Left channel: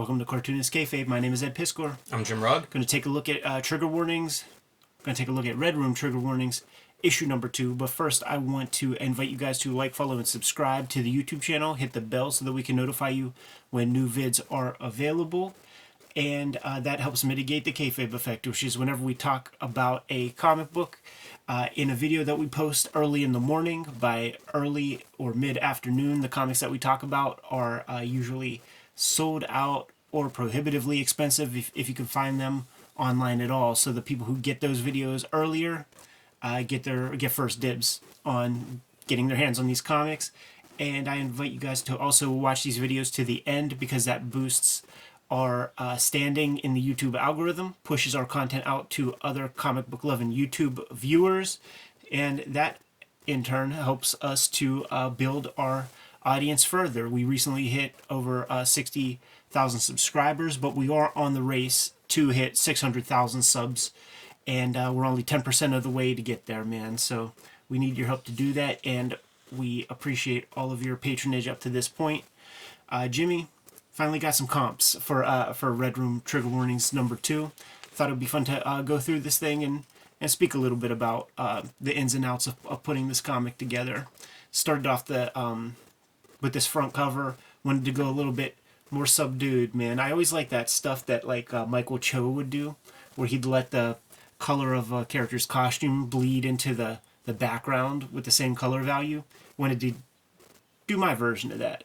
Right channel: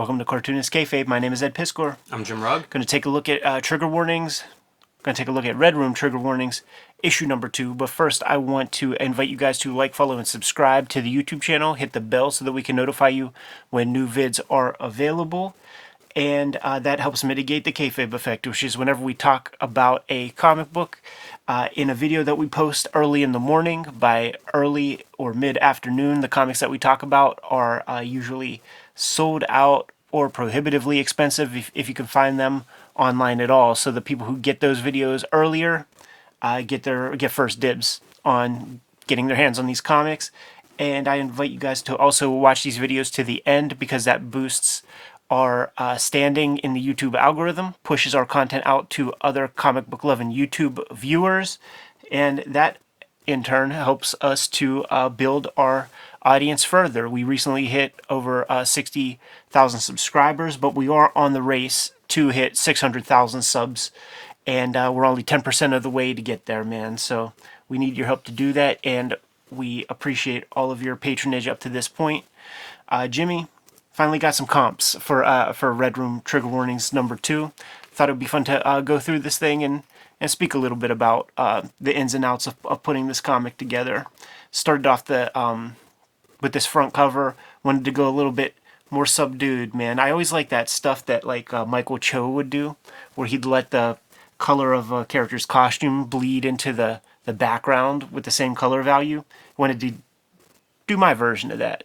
Welcome to Cartoonist Kayfabe. My name is Ed Piskor. I'm Jim Rugg. Going to take a look at trigger warnings. Going to take a look at Red Room trigger warnings, issue number 2. But first, I want to invite you guys to like, follow, and subscribe to the YouTube channel. Hit the bell so that we can notify you when new vids are available. And that helps mitigate the kayfabe effect, which is whenever we talk about a comic book in a video that we post early in the morning, by early or mid-afternoon, the comics that we talk about are usually sold out or prohibitively expensive if you can find them online at all. So the people who get those videos earlier get first dibs on getting their hands on these comics. And I invite you guys to also watch these videos to the end, because that boosts our standing in the YouTube algorithm, pushes our content out to other comic book loving YouTube viewers, and that in turn helps us to build our audience further. We recently hit over 60,000 subscribers, but we are on the race to hit 600,000 subs, and we're only 10% of the way to get there, man. So we need your help to do that, and we appreciate all of your patronage up to this point. Jimmy finally got some comps for Red Room Trigger Warnings number 2. Thought it would be fun to go through this thing and speak a little bit about the ins and outs of putting this comic together. Started off with this front cover. Wanted to go a little bit more subdued, man. I always like that stuff that Michael Cho would do, where he'd let the color of a character's costume bleed into the background with the same color value. Wanted to do my version of that.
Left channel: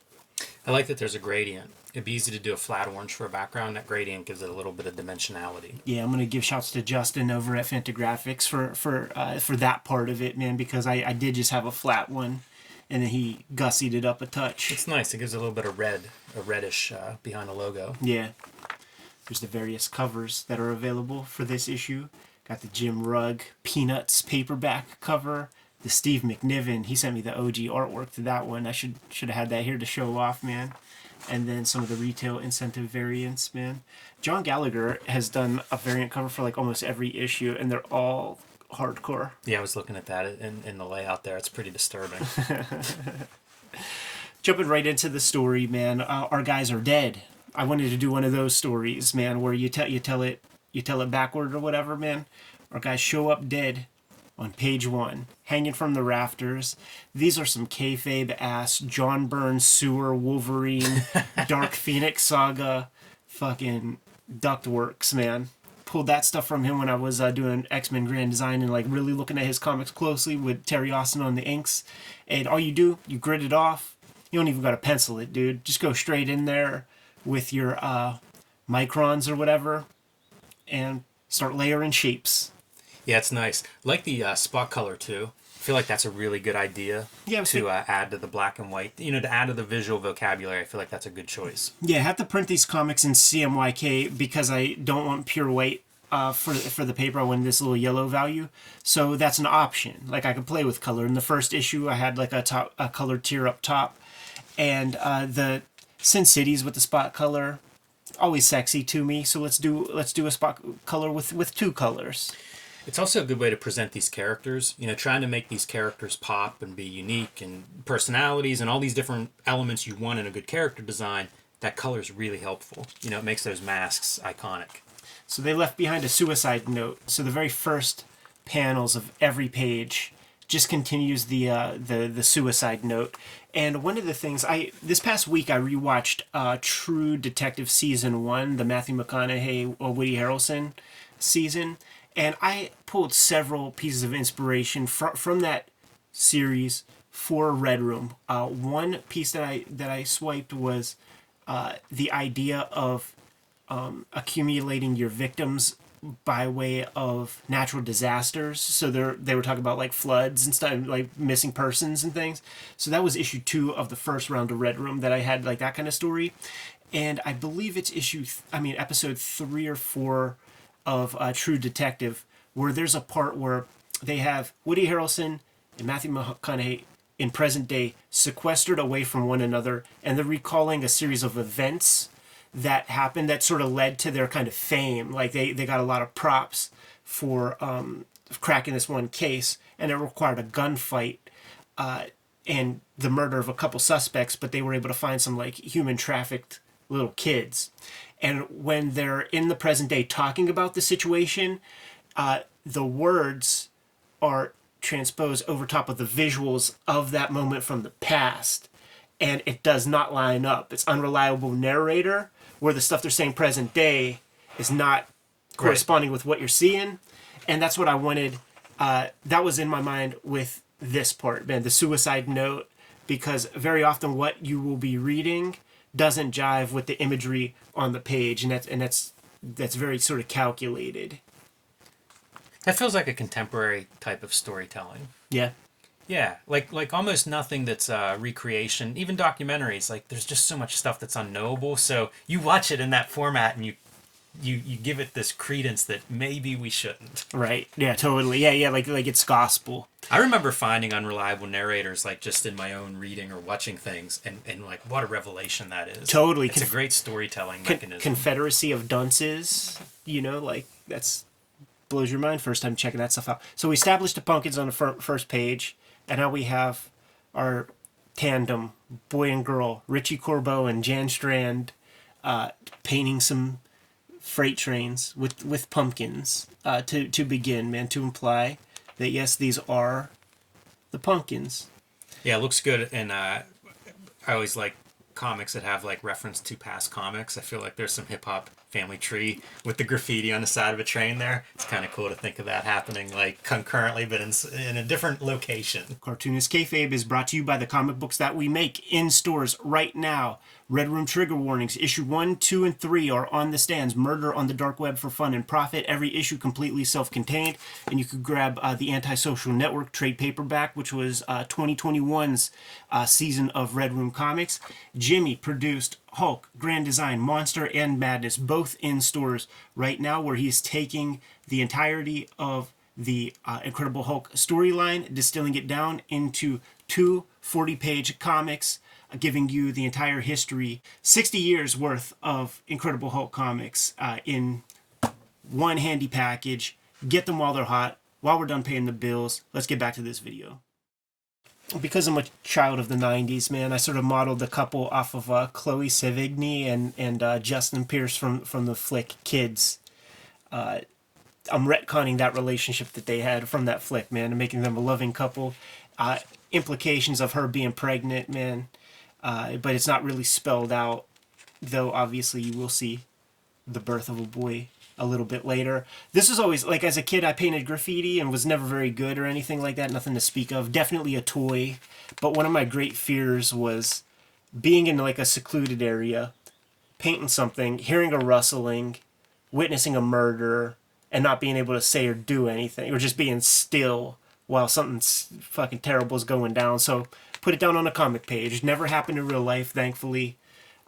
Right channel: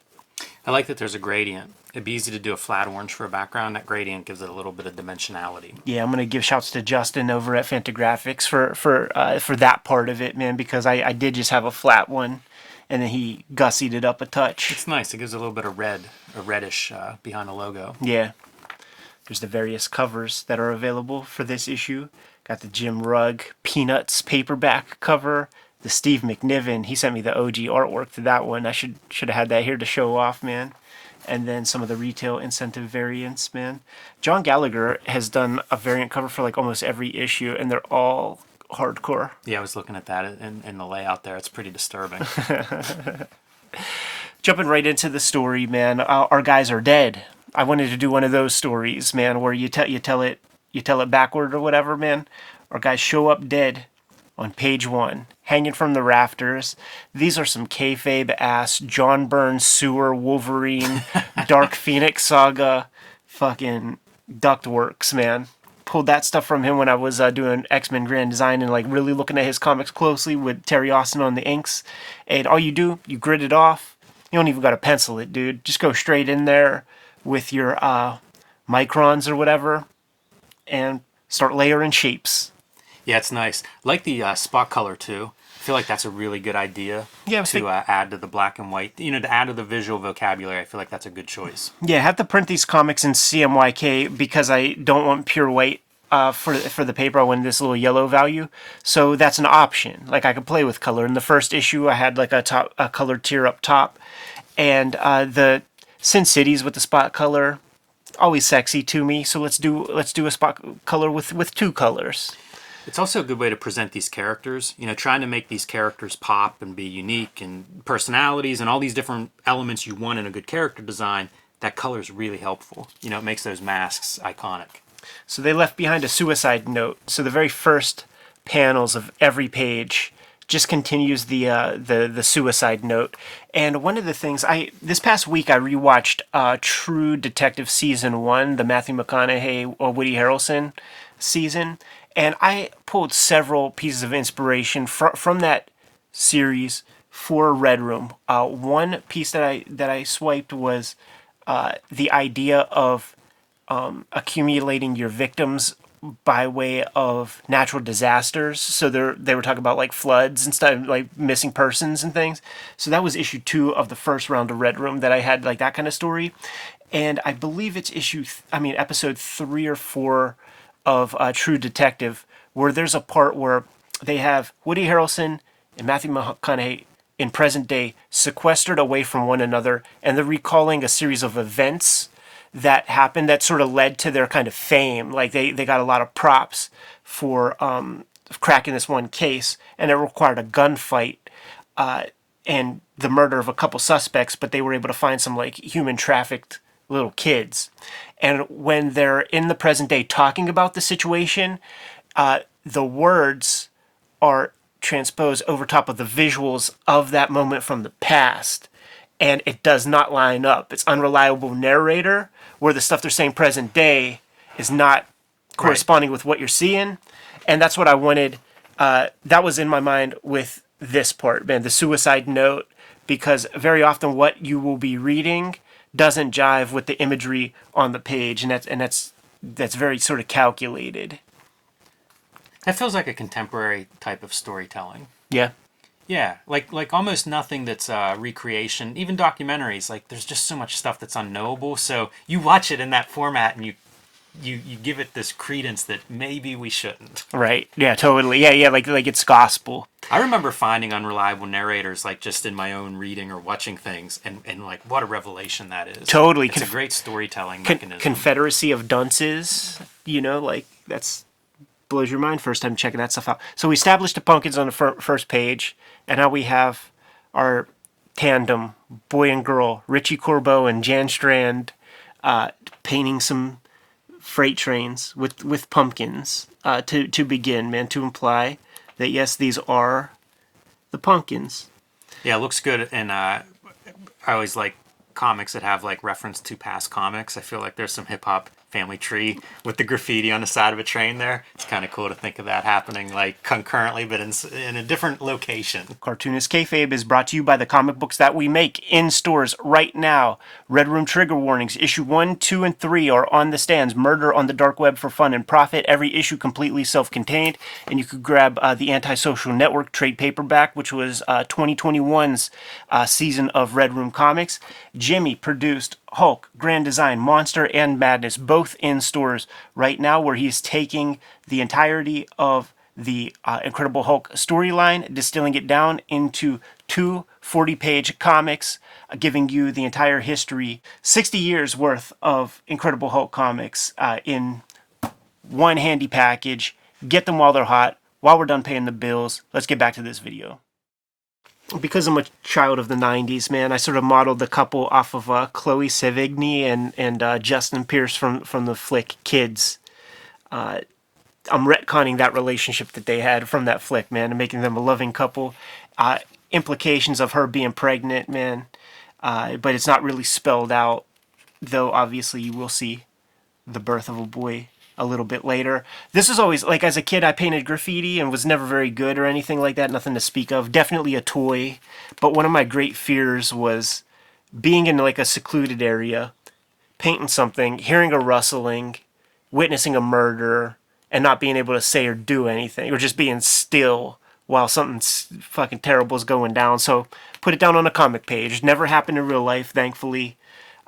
I like that there's a gradient. It'd be easy to do a flat orange for a background. That gradient gives it a little bit of dimensionality. Yeah, I'm gonna give shouts to Justin over at Fantagraphics for that part of it, man, because I did just have a flat one, and then he gussied it up a touch. It's nice. It gives a little bit of red, a reddish behind the logo. Yeah. There's the various covers that are available for this issue. Got the Jim Rugg Peanuts paperback cover. The Steve McNiven, he sent me the OG artwork to that one. I should have had that here to show off, man. And then some of the retail incentive variants, man. John Gallagher has done a variant cover for almost every issue, and they're all hardcore. Yeah, I was looking at that in the layout there. It's pretty disturbing. Jumping right into the story, man. Our guys are dead. I wanted to do one of those stories, man, where you tell it backward or whatever, man. Our guys show up dead on page 1, hanging from the rafters. These are some kayfabe-ass John Byrne sewer Wolverine Dark Phoenix Saga fucking ductworks, man. Pulled that stuff from him when I was doing X-Men Grand Design and really looking at his comics closely with Terry Austin on the inks. And all you do, you grit it off. You don't even got to pencil it, dude. Just go straight in there with your microns or whatever and start layering shapes. Yeah, it's nice. I like the spot color, too. I feel like that's a really good idea to add to the black and white. To add to the visual vocabulary. I feel like that's a good choice. Yeah, I have to print these comics in CMYK because I don't want pure white for the paper. I want this little yellow value. So that's an option. I could play with color. In the first issue, I had a colored tier up top. And the Sin Cities with the spot color, always sexy to me. So let's do a spot color with 2 colors. It's also a good way to present these characters, trying to make these characters pop and be unique, and personalities and all these different elements you want in a good character design. That color is really helpful. It makes those masks iconic. So they left behind a suicide note. So the very first panels of every page just continues the suicide note. And one of the things, this past week I rewatched True Detective Season 1, the Matthew McConaughey or Woody Harrelson season. And I pulled several pieces of inspiration from that series for Red Room. One piece that I swiped was the idea of accumulating your victims by way of natural disasters. So they were talking about floods and stuff, missing persons and things. So that was issue 2 of the first round of Red Room that I had that kind of story. And I believe it's episode 3 or 4 of True Detective, where there's a part where they have Woody Harrelson and Matthew McConaughey in present day sequestered away from one another, and they're recalling a series of events that happened that sort of led to their kind of fame. They got a lot of props for cracking this one case, and it required a gunfight and the murder of a couple suspects, but they were able to find some human trafficked little kids. And when they're in the present day talking about the situation, the words are transposed over top of the visuals of that moment from the past. And it does not line up. It's unreliable narrator, where the stuff they're saying present day is not corresponding with what you're seeing. And that's what I wanted. That was in my mind with this part, man, the suicide note, because very often what you will be reading doesn't jive with the imagery on the page, and that's very sort of calculated. That feels like a contemporary type of storytelling. Yeah. Yeah, like almost nothing that's recreation. Even documentaries, like there's just so much stuff that's unknowable. So you watch it in that format, and you give it this credence that maybe we shouldn't. Right. Yeah. Totally. Yeah. Like it's gospel. I remember finding unreliable narrators, like just in my own reading or watching things, and like what a revelation that is. Totally. It's a great storytelling mechanism. Confederacy of dunces. Like that's blows your mind first time checking that stuff out. So we established the Pumpkins on the first page. And now we have our tandem, boy and girl, Richie Corbeau and Jan Strand, painting some freight trains with pumpkins to begin, man, to imply that, yes, these are the Pumpkins. Yeah, it looks good. And I always like comics that have like reference to past comics. I feel like there's some hip-hop family tree with the graffiti on the side of a train there. It's kind of cool to think of that happening like concurrently, but in a different location. Cartoonist Kayfabe is brought to you by the comic books that we make in stores right now. Red Room Trigger Warnings, issue 1, 2, and 3 are on the stands. Murder on the Dark Web for Fun and Profit. Every issue completely self-contained. And you could grab the Antisocial Network trade paperback, which was 2021's season of Red Room Comics. Jimmy produced Hulk, Grand Design, Monster, and Madness, both in stores right now, where he's taking the entirety of the Incredible Hulk storyline, distilling it down into two 40-page comics, giving you the entire history, 60 years worth of Incredible Hulk comics in one handy package. Get them while they're hot. While we're done paying the bills, let's get back to this video. Because I'm a child of the 90s, man, I sort of modeled the couple off of Chloe Sevigny and Justin Pierce from the flick Kids. I'm retconning that relationship that they had from that flick, man, and making them a loving couple. Implications of her being pregnant, man, but it's not really spelled out, though obviously you will see the birth of a boy a little bit later. This is always, like, as a kid I painted graffiti and was never very good or anything like that, nothing to speak of, definitely a toy, but one of my great fears was being in like a secluded area, painting something, hearing a rustling, witnessing a murder, and not being able to say or do anything, or just being still while something fucking terrible is going down. So put it down on a comic page. Never happened in real life, thankfully,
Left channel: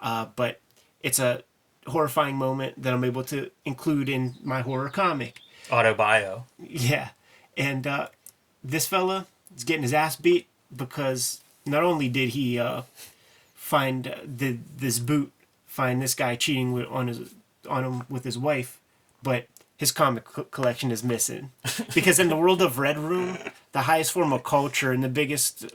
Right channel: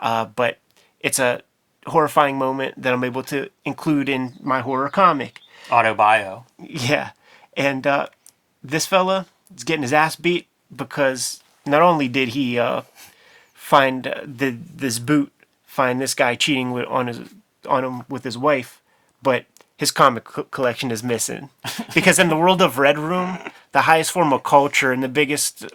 but it's a horrifying moment that I'm able to include in my horror comic. Autobio. Yeah. And this fella is getting his ass beat because not only did he find this guy cheating on him with his wife, but his comic collection is missing. Because in the world of Red Room, the highest form of culture and the biggest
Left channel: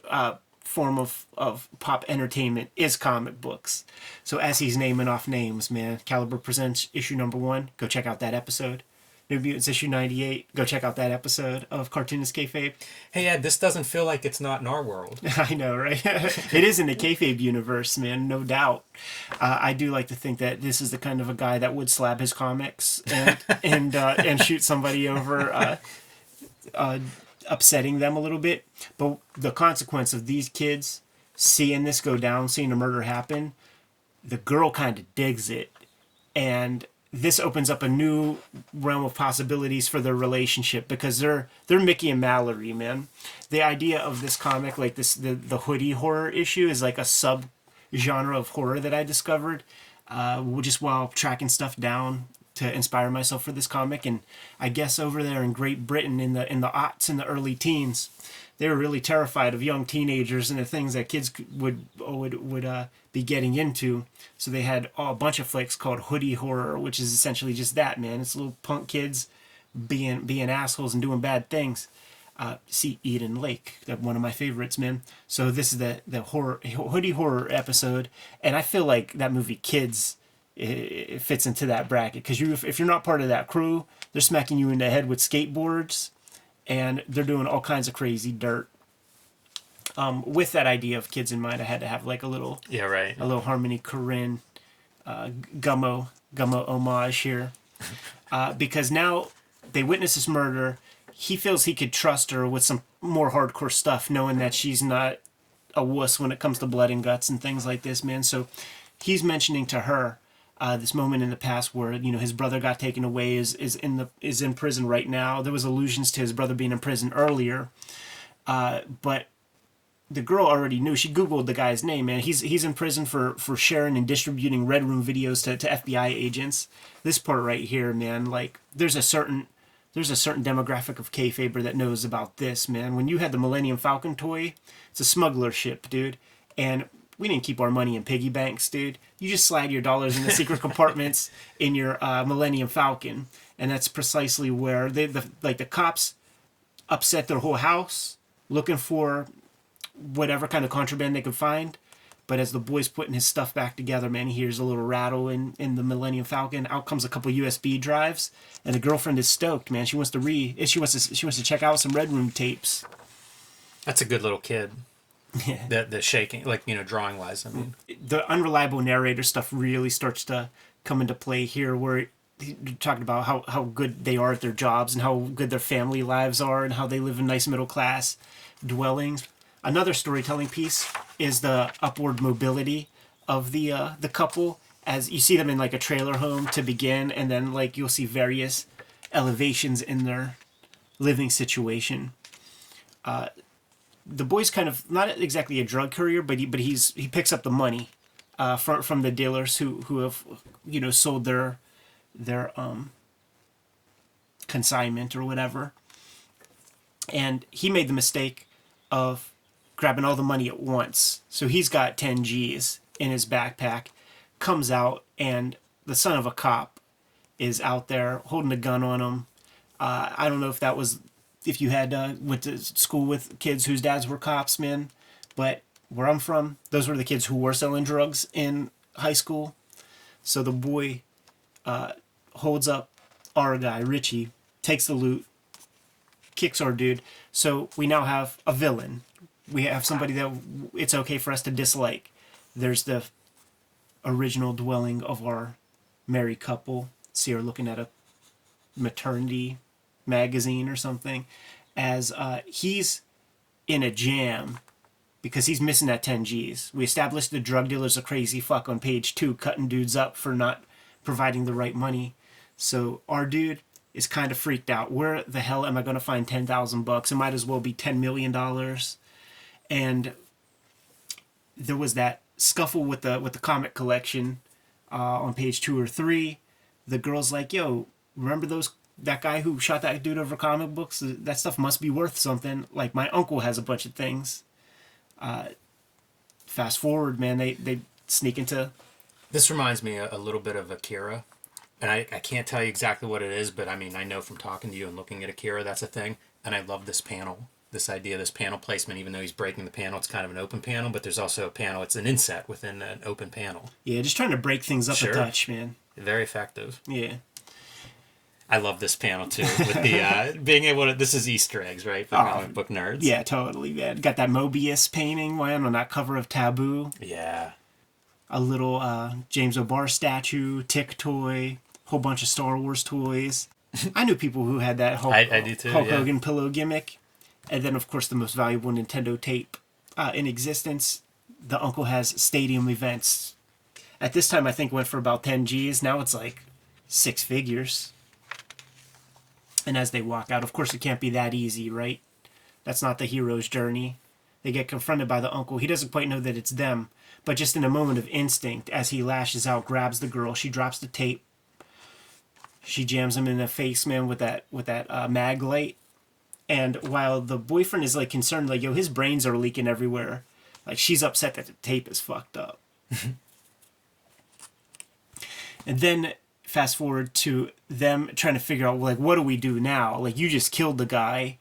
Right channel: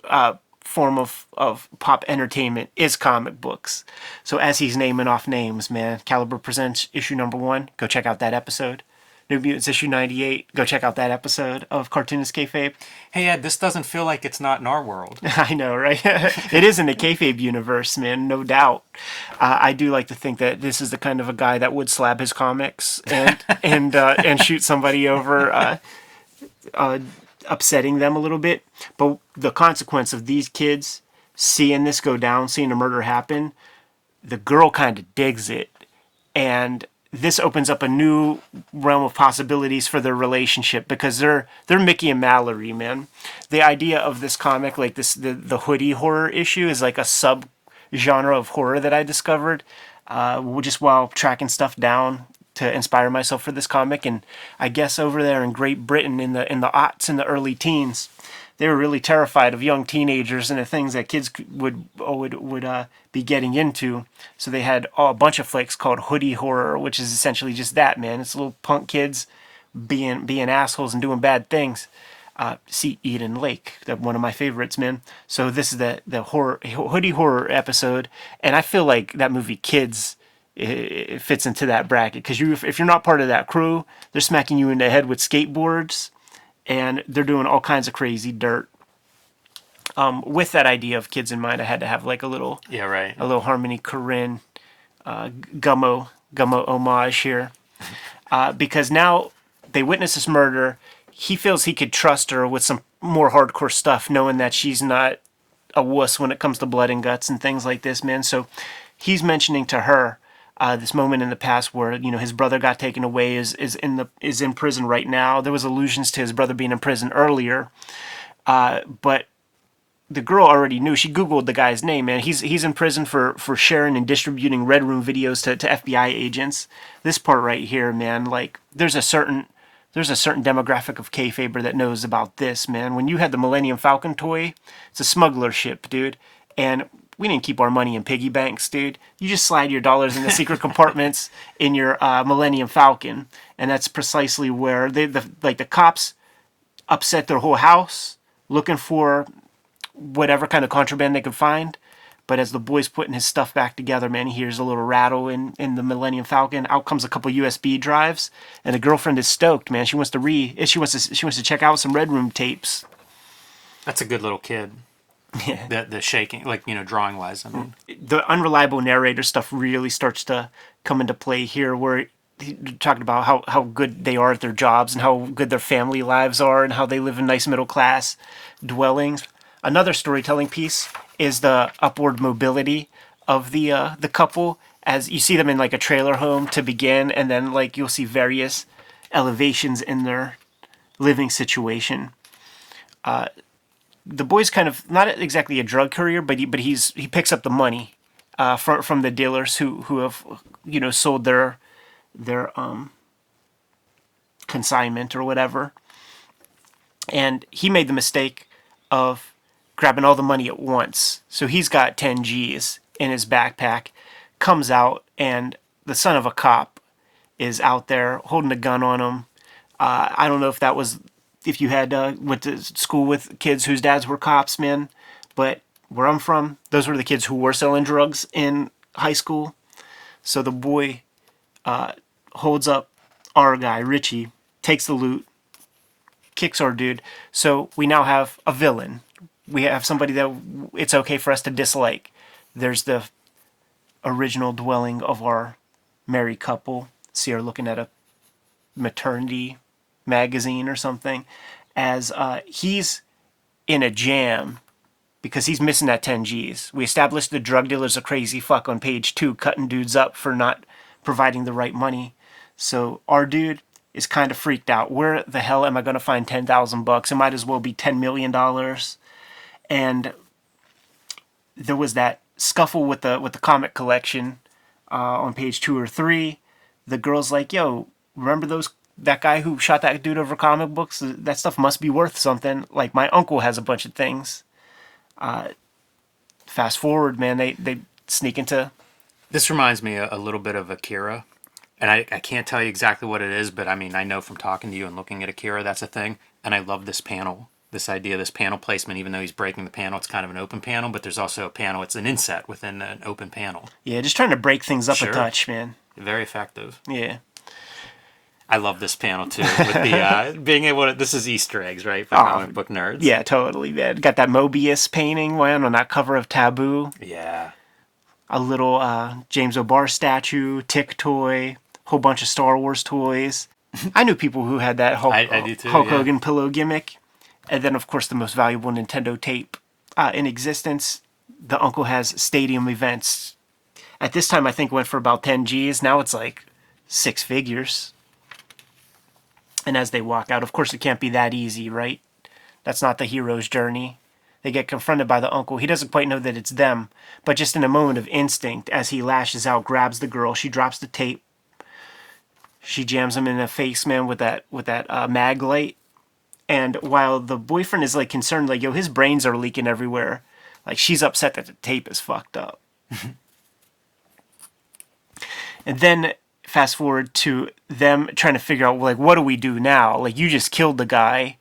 form of pop entertainment is comic books. So as he's naming off names, man, Caliber Presents issue number 1, go check out that episode. New Mutants issue 98, go check out that episode of Cartoonist Kayfabe. Hey Ed, this doesn't feel like it's not in our world. I know, right? It is in the Kayfabe universe, man, no doubt. I do like to think that this is the kind of a guy that would slab his comics and shoot somebody over, upsetting them a little bit. But the consequence of these kids seeing this go down, seeing a murder happen, the girl kind of digs it, and this opens up a new realm of possibilities for their relationship, because they're Mickey and Mallory, man. The idea of this comic, like the Hoodie horror issue, is like a sub genre of horror that I discovered just while tracking stuff down to inspire myself for this comic. And I guess over there in Great Britain in the aughts and the early teens, they were really terrified of young teenagers and the things that kids would be getting into. So they had a bunch of flicks called Hoodie horror, which is essentially just that, man. It's little punk kids being assholes and doing bad things. see Eden Lake, one of my favorites, man. So this is the Hoodie horror episode, and I feel like that movie Kids it fits into that bracket because if you're not part of that crew, they're smacking you in the head with skateboards, and they're doing all kinds of crazy dirt. With that idea of kids in mind, I had to have like a little Harmony Korine, Gummo homage here, because now they witness this murder. He feels he could trust her with some more hardcore stuff, knowing that she's not a wuss when it comes to blood and guts and things like this, man. So he's mentioning to her this moment in the past where his brother got taken away, is in prison right now. There was allusions to his brother being in prison earlier, but the girl already knew. She Googled the guy's name, man. He's in prison for sharing and distributing Red Room videos to FBI agents. This part right here, man, like there's a certain demographic of Kayfaber that knows about this, man. When you had the Millennium Falcon toy, it's a smuggler ship, dude. And we didn't keep our money in piggy banks, dude. You just slide your dollars in the secret compartments in your Millennium Falcon. And that's precisely where the cops upset their whole house looking for whatever kind of contraband they could find. But as the boy's putting his stuff back together, man, he hears a little rattle in the Millennium Falcon. Out comes a couple USB drives, and the girlfriend is stoked, man. She wants to check out some Red Room tapes. That's a good little kid. Yeah. The shaking, like, drawing wise, I mean. The unreliable narrator stuff really starts to come into play here, where he talking about how good they are at their jobs and how good their family lives are and how they live in nice middle class dwellings. Another storytelling piece is the upward mobility of the couple, as you see them in like a trailer home to begin, and then like you'll see various elevations in their living situation. The boy's kind of not exactly a drug courier, but he picks up the money from the dealers who have sold their consignment or whatever, and he made the mistake of grabbing all the money at once. So he's got 10 G's in his backpack, comes out, and the son of a cop is out there holding a gun on him. I don't know if you had went to school with kids whose dads were cops, man, but where I'm from, those were the kids who were selling drugs in high school. So the boy holds up our guy, Richie, takes the loot, kicks our dude. So we now have a villain. We have somebody that it's okay for us to dislike. There's the original dwelling of our married couple. See her looking at a maternity magazine or something, as he's in a jam because he's missing that 10 G's. We established the drug dealer's a crazy fuck on page 2, cutting dudes up for not providing the right money. So our dude is kind of freaked out. Where the hell am I going to find $10,000? It might as well be $10 million. And there was that scuffle with the comic collection on page 2 or 3. The girl's like, "Yo, remember that guy who shot that dude over comic books? That stuff must be worth something. Like, my uncle has a bunch of things." Fast forward, man, they sneak into... This reminds me a little bit of Akira. And I can't tell you exactly what it is, but I mean, I know from talking to you and looking at Akira, that's a thing. And I love this panel. This idea, this panel placement, even though he's breaking the panel, it's kind of an open panel, but there's also a panel, it's an inset within an open panel. Yeah, just trying to break things up a touch, man. Very effective. Yeah. I love this panel, too, with the being able to... This is Easter eggs, right, for comic book nerds? Yeah, totally, man. Got that Mobius painting, man, on that cover of Taboo. Yeah. A little James O'Barr statue, Tick toy, whole bunch of Star Wars toys. I knew people who had that Hulk Hogan pillow gimmick. And then, of course, the most valuable Nintendo tape in existence. The uncle has stadium events. At this time, I think went for about 10 G's. Now it's like 6 figures. And as they walk out, of course, it can't be that easy, right? That's not the hero's journey. They get confronted by the uncle. He doesn't quite know that it's them. But just in a moment of instinct, as he lashes out, grabs the girl. She drops the tape. She jams him in the face, man, with that mag light. And while the boyfriend is like concerned, like, yo, his brains are leaking everywhere, like, she's upset that the tape is fucked up. And then fast forward to them trying to figure out, like, what do we do now? Like, you just killed the guy.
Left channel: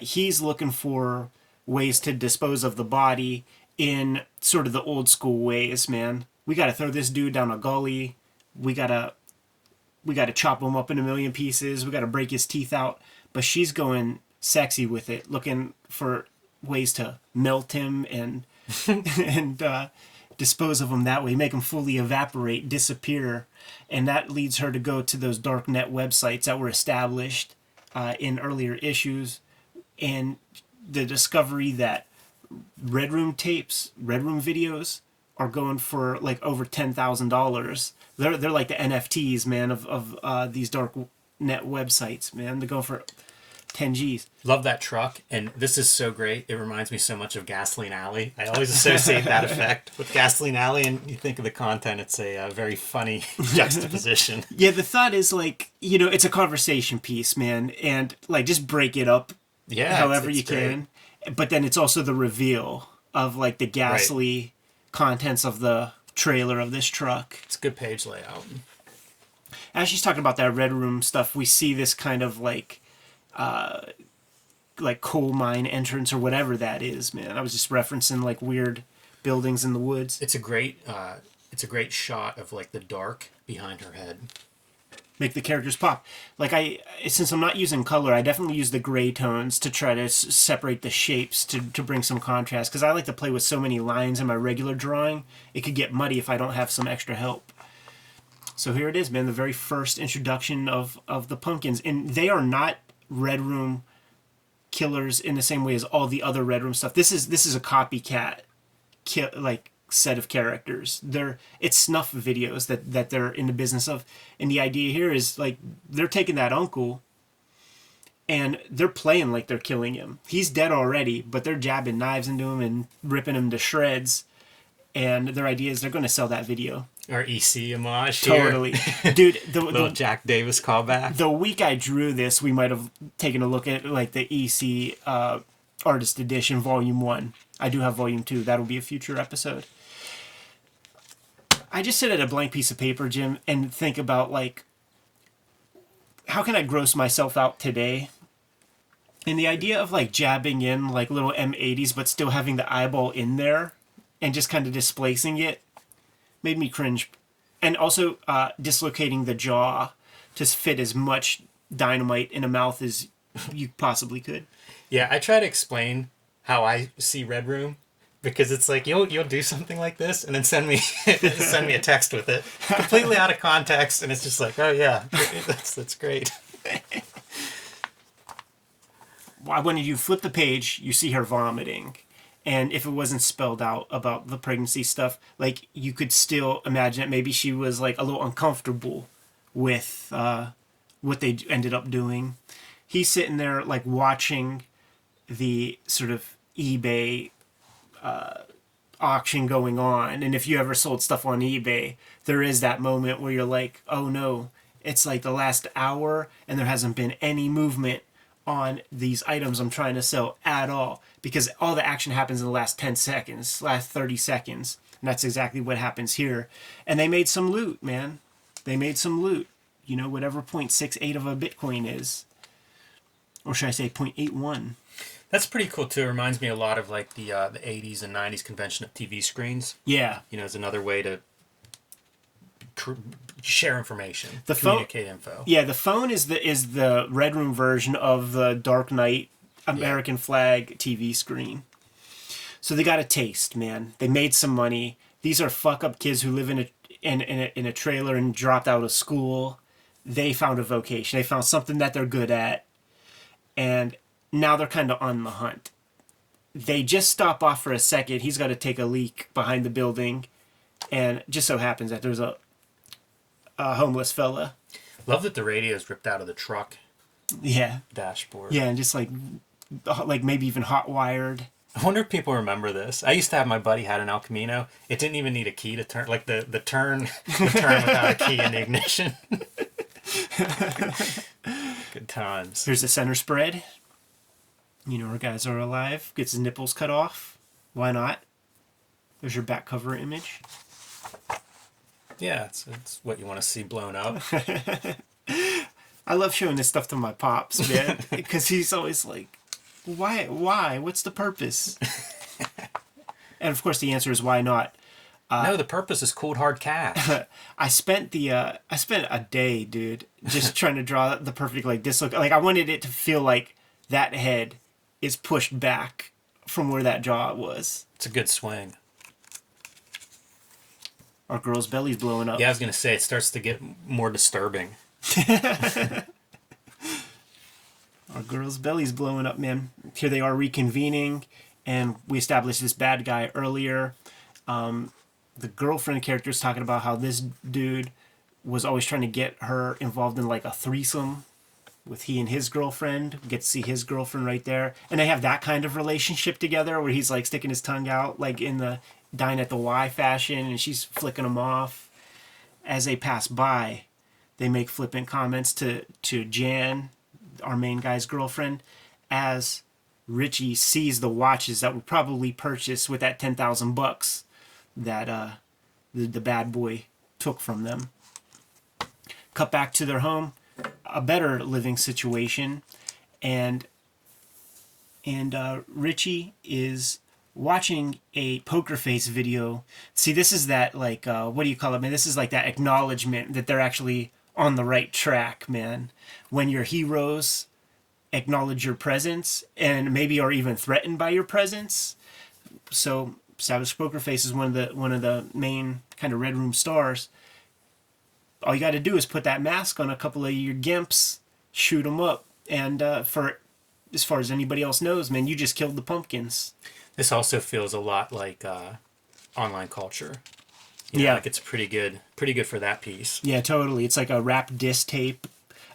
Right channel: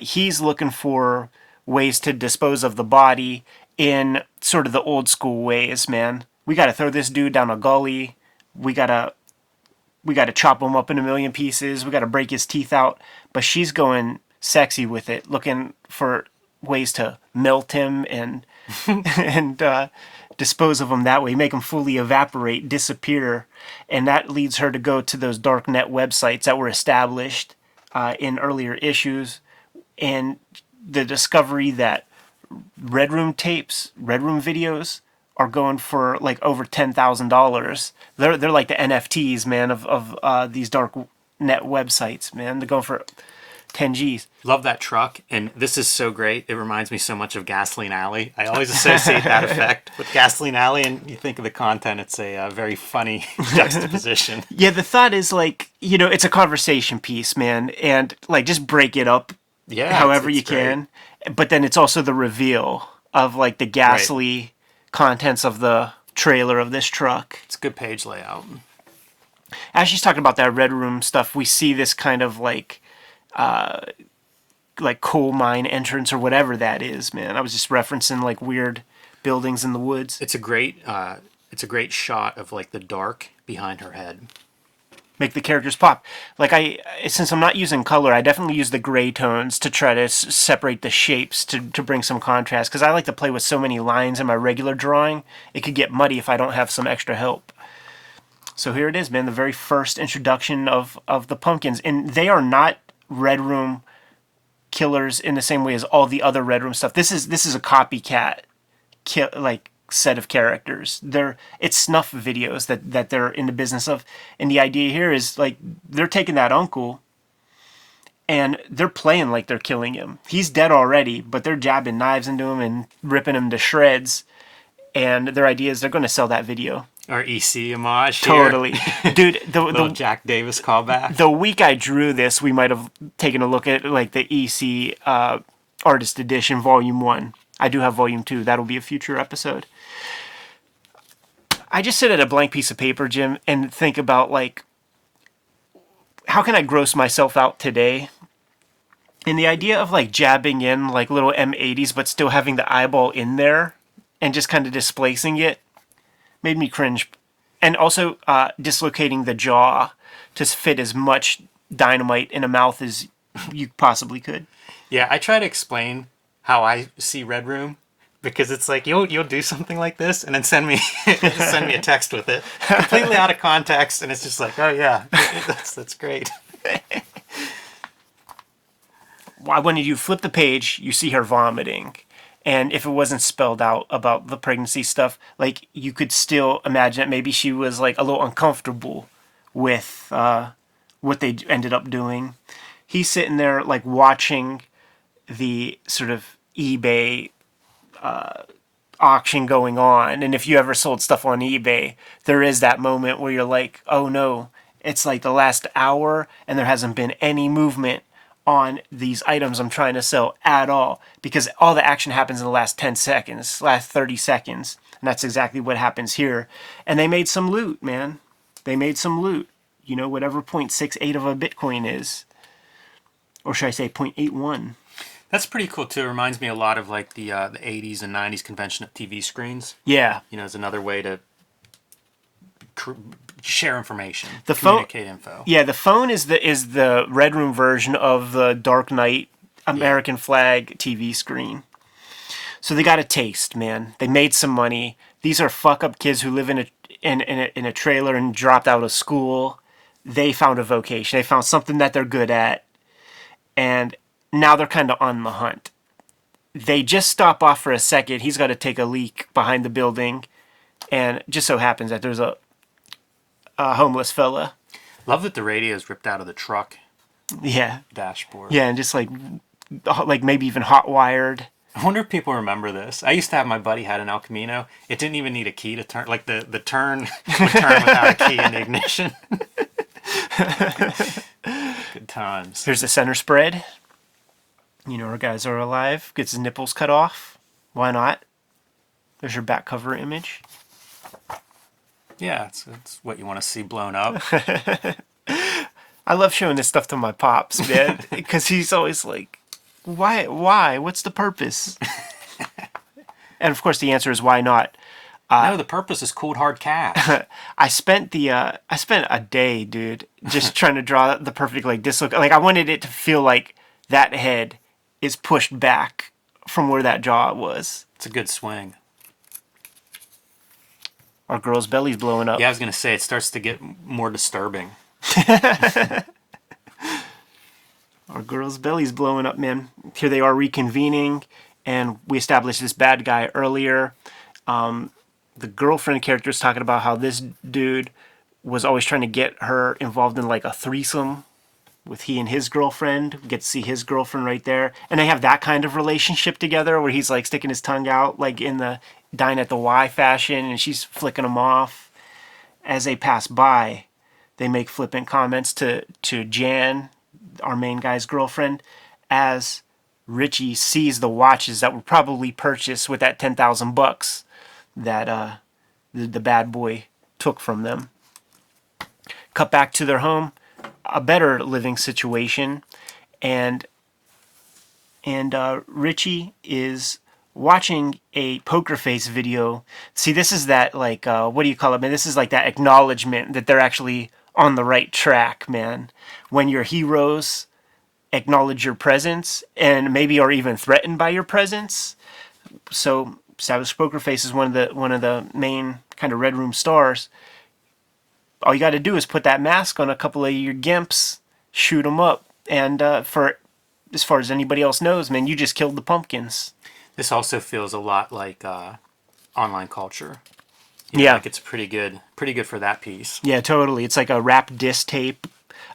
He's looking for ways to dispose of the body in sort of the old school ways, man. We got to throw this dude down a gully. We got to chop him up in a million pieces. We got to break his teeth out. But she's going sexy with it, looking for ways to melt him and and dispose of him that way, make him fully evaporate, disappear. And that leads her to go to those dark net websites that were established in earlier issues, and the discovery that Red Room tapes, Red Room videos are going for like over $10,000. They're like the NFTs, man, of these dark net websites, man. They're going for 10 G's. Love that truck, and this is so great. It reminds me so much of Gasoline Alley. I always associate that effect with Gasoline Alley, and you think of the content, it's a very funny juxtaposition. Yeah, the thought is like, it's a conversation piece, man, and like just break it up however you can. But then it's also the reveal of like the ghastly contents of the trailer of this truck. It's a good page layout. As she's talking about that Red Room stuff, we see this kind of like coal mine entrance or whatever that is, man. I was just referencing like weird buildings in the woods. It's a great shot of like the dark behind her head. Make the characters pop. Like since I'm not using color, I definitely use the gray tones to try to separate the shapes to bring some contrast, because I like to play with so many lines in my regular drawing. It could get muddy if I don't have some extra help. So here it is, man, the very first introduction of the Pumpkins. And they are not Red Room killers in the same way as all the other Red Room stuff. This is a copycat set of characters. It's snuff videos that they're in the business of. And the idea here is like they're taking that uncle and they're playing like they're killing him. He's dead already, but they're jabbing knives into him and ripping him to shreds. And their idea is they're going to sell that video. Our EC homage here. Totally. Dude, the Jack Davis callback. The week I drew this, we might have taken a look at like the EC Artist Edition Volume 1. I do have Volume 2. That'll be a future episode. I just sit at a blank piece of paper, Jim, and think about like, how can I gross myself out today? And the idea of like jabbing in like little M80s, but still having the eyeball in there and just kind of displacing it made me cringe. And also dislocating the jaw to fit as much dynamite in a mouth as you possibly could. Yeah, I try to explain how I see Red Room, because it's like you'll do something like this and then send me a text with it completely out of context, and it's just like, oh yeah, that's great. When you flip the page, you see her vomiting. And if it wasn't spelled out about the pregnancy stuff, like you could still imagine that maybe she was like a little uncomfortable with what they ended up doing. He's sitting there like watching the sort of eBay auction going on. And if you ever sold stuff on eBay, there is that moment where you're like, oh no, it's like the last hour and there hasn't been any movement on these items I'm trying to sell at all, because all the action happens in the last 10 seconds, last 30 seconds. And that's exactly what happens here. And they made some loot, man. They made some loot. Whatever 0.68 of a Bitcoin is. Or should I say 0.81? That's pretty cool too. It reminds me a lot of like the 80s and 90s convention of TV screens. Yeah. It's another way to share information, communicate info. Yeah, the phone is the Red Room version of the Dark Knight American flag TV screen. So they got a taste, man. They made some money. These are fuck up kids who live in a trailer and dropped out of school. They found a vocation. They found something that they're good at, and now they're kind of on the hunt. They just stop off for a second. He's got to take a leak behind the building, and it just so happens that there's a homeless fella. Love that the radio is ripped out of the truck. Yeah. Dashboard. Yeah, and just like maybe even hot wired. I wonder if people remember this. I used to have my buddy had an El Camino. It didn't even need a key to turn. Like the turn would turn without a key in the ignition. Good times. Here's the center spread. Our guys are alive. Gets his nipples cut off. Why not? There's your back cover image. Yeah, it's what you want to see blown up. I love showing this stuff to my pops, man, because he's always like, Why? What's the purpose? And of course, the answer is why not. No, the purpose is cold hard cash. I spent a day, dude, just trying to draw the perfect like dislocate. Like I wanted it to feel like that head is pushed back from where that jaw was. It's a good swing. Our girl's belly's blowing up. Yeah, I was gonna say it starts to get more disturbing. Our girl's belly's blowing up, man. Here they are reconvening, and we established this bad guy earlier. The girlfriend character is talking about how this dude was always trying to get her involved in like a threesome with he and his girlfriend. We get to see his girlfriend right there. And they have that kind of relationship together where he's like sticking his tongue out like in the dine at the Y fashion, and she's flicking him off. As they pass by, they make flippant comments to Jan, our main guy's girlfriend, as Richie sees the watches that were probably purchased with that $10,000 that the bad boy took from them. Cut back to their home, a better living situation, and Richie is watching a poker face video. See, this is that like what do you call it, man? This is like that acknowledgement that they're actually on the right track, man. When your heroes acknowledge your presence and maybe are even threatened by your presence. So established poker face is one of the main kind of Red Room stars. All you got to do is put that mask on a couple of your gimps, shoot them up, and for as far as anybody else knows, man, you just killed the Pumpkins. This also feels a lot like online culture. You know, Yeah, like it's pretty good for that piece. yeah, totally. It's like a rap diss tape.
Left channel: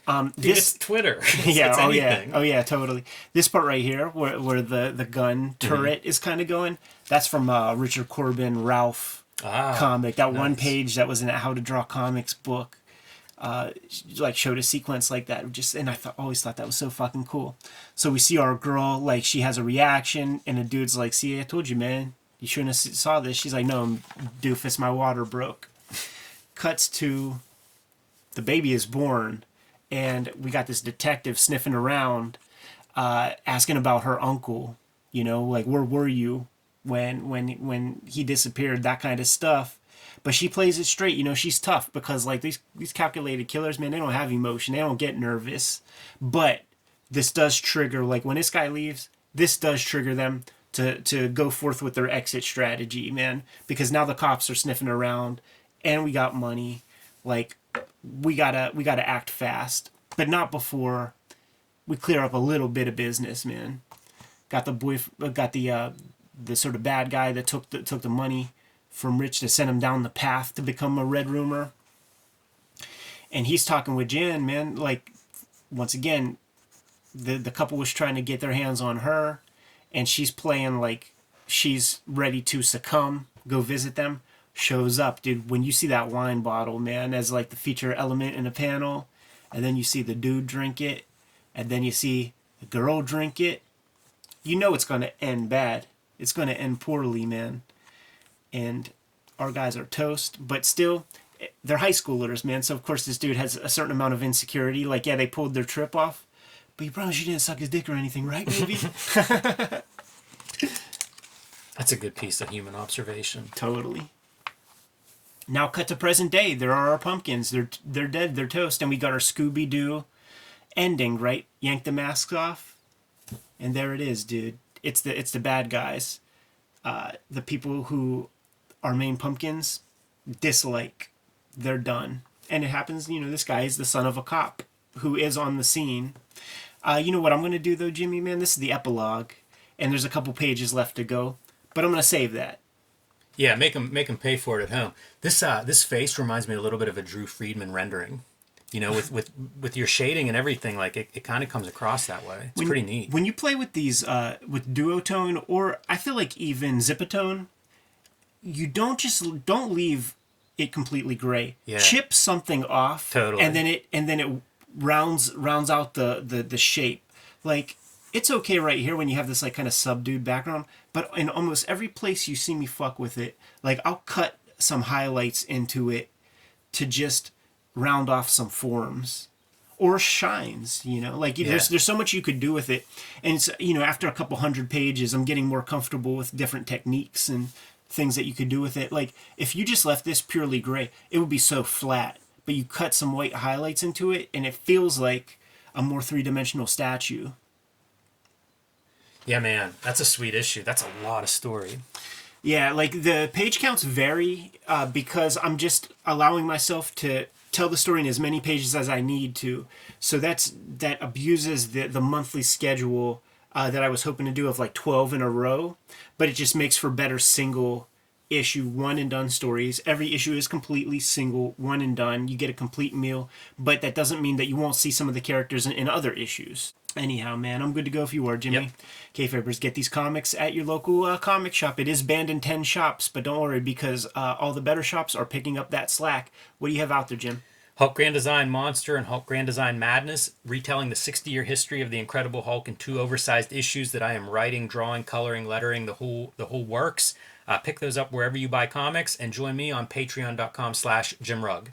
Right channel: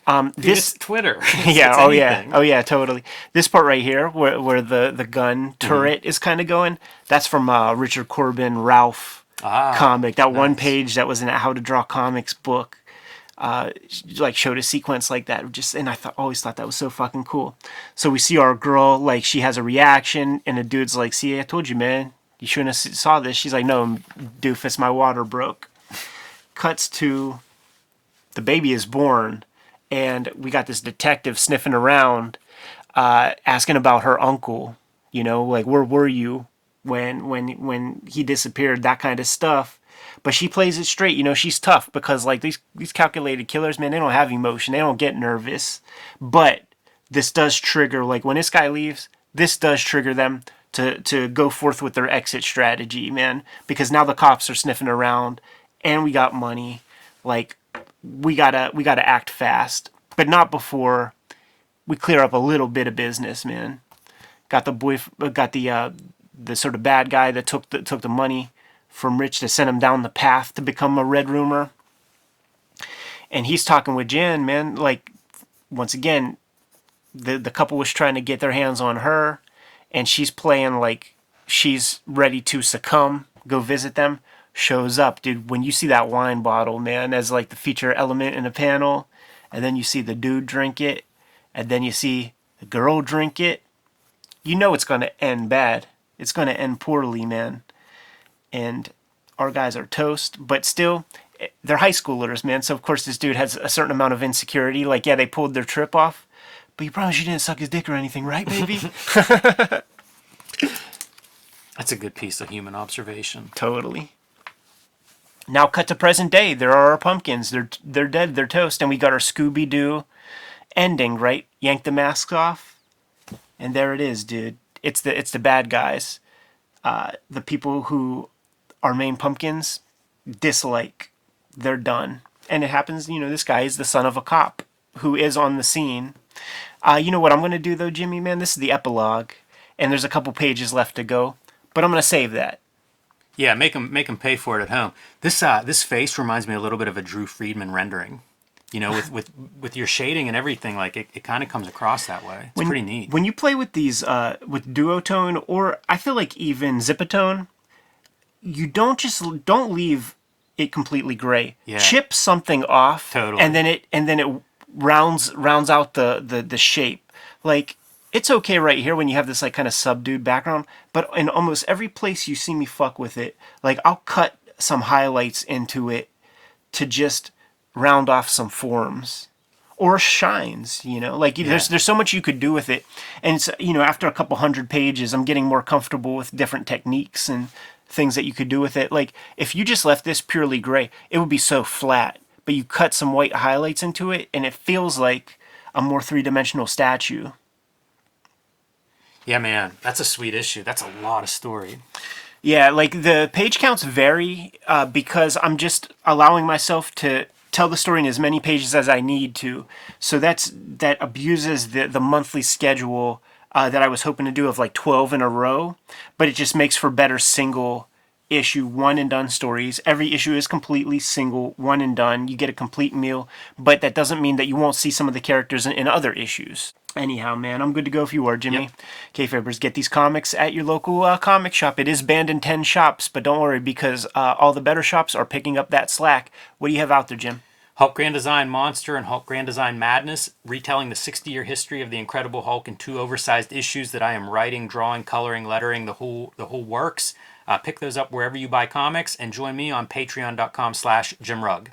Dude, it's Twitter. Yeah, it's oh anything. yeah, oh yeah, totally. This part right here, where the gun turret is kind of going, that's from Richard Corbin Ralph comic. That one page that was in a How to Draw Comics book, like showed a sequence like that. And I always thought that was so fucking cool. So we see our girl, like she has a reaction, and the dude's like, "See, I told you, man, you shouldn't have saw this." She's like, "No, doofus, my water broke." Cuts to the baby is born. And we got this detective sniffing around, asking about her uncle. You know, like where were you when he disappeared? That kind of stuff. But she plays it straight. You know, she's tough because like these calculated killers, man, they don't have emotion. They don't get nervous. But this does trigger, like when this guy leaves, this does trigger them to go forth with their exit strategy, man. Because now the cops are sniffing around, and we got money. Like, we gotta act fast, but not before we clear up a little bit of business, man. Got the sort of bad guy that took the money from Rich to send him down the path to become a Red Roomer, and he's talking with Jen, man. Like, once again, the couple was trying to get their hands on her, and she's playing like she's ready to succumb, go visit them. Shows up, dude. When you see that wine bottle, man, as like the feature element in the panel, and then you see the dude drink it, and then you see the girl drink it, you know it's gonna end bad. It's gonna end poorly, man. And our guys are toast, but still, they're high schoolers, man. So of course this dude has a certain amount of insecurity. Like, yeah, they pulled their trip off, but you promise you didn't suck his dick or anything, right, baby? That's a good piece of human observation. Totally. Now cut to present day. There are our pumpkins. They're dead. They're toast. And we got our Scooby-Doo ending, right? Yank the masks off. And there it is, dude. It's the bad guys. The people who our main pumpkins dislike. They're done. And it happens, you know, this guy is the son of a cop who is on the scene. You know what I'm going to do, though, Jimmy, man? This is the epilogue. And there's a couple pages left to go. But I'm going to save that. Yeah, make them pay for it at home. This face reminds me a little bit of a Drew Friedman rendering. You know, with your shading and everything, like it kind of comes across that way. It's pretty neat. When you play with these with duotone, or I feel like even zipatone, you don't leave it completely gray. Yeah. Chip something off, Totally. and then it rounds out the shape. Like, it's okay right here when you have this like kind of subdued background, but in almost every place you see me fuck with it, like I'll cut some highlights into it to just round off some forms or shines, you know, like there's so much you could do with it. And it's, you know, after a couple hundred pages, I'm getting more comfortable with different techniques and things that you could do with it. Like if you just left this purely gray, it would be so flat, but you cut some white highlights into it and it feels like a more three-dimensional statue. Yeah, man, that's a sweet issue. That's a lot of story. Yeah, like the page counts vary because I'm just allowing myself to tell the story in as many pages as I need to. So that abuses the monthly schedule that I was hoping to do of like 12 in a row, but it just makes for better single issue one and done stories. Every issue is completely single, one and done. You get a complete meal, but that doesn't mean that you won't see some of the characters in other issues. Anyhow, man, I'm good to go if you are, Jimmy. Yep. Kayfabers, get these comics at your local comic shop. It is banned in 10 shops, but don't worry because all the better shops are picking up that slack. What do you have out there, Jim? Hulk Grand Design Monster and Hulk Grand Design Madness, retelling the 60-year history of the Incredible Hulk in 2 oversized issues that I am writing, drawing, coloring, lettering, the whole works. Pick those up wherever you buy comics, and join me on patreon.com/JimRugg.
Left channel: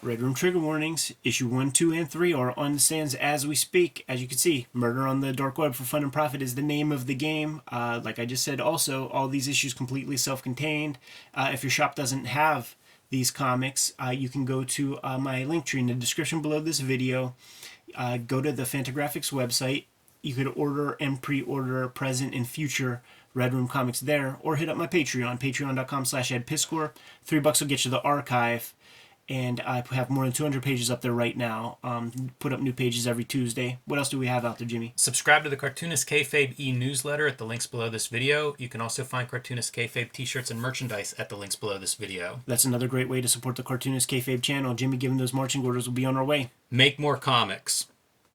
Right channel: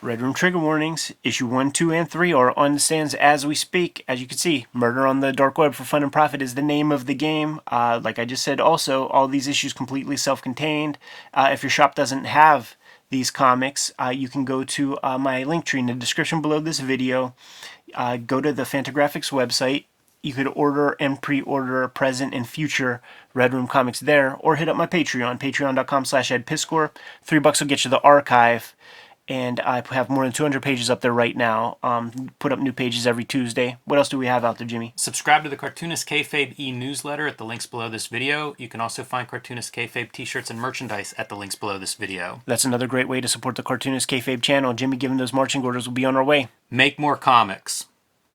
Red Room Trigger Warnings, issue 1, 2, and 3 are on the stands as we speak. As you can see, Murder on the Dark Web for Fun and Profit is the name of the game. Like I just said, also, all these issues completely self-contained. If your shop doesn't have these comics, you can go to my link tree in the description below this video. Go to the Fantagraphics website. You could order and pre-order present and future Red Room comics there, or hit up my Patreon, patreon.com/edpiscor. $3 will get you the archive. And I have more than 200 pages up there right now. Put up new pages every Tuesday. What else do we have out there, Jimmy? Subscribe to the Cartoonist Kayfabe e-newsletter at the links below this video. You can also find Cartoonist Kayfabe t-shirts and merchandise at the links below this video. That's another great way to support the Cartoonist Kayfabe channel. Jimmy, given those marching orders, will be on our way. Make more comics.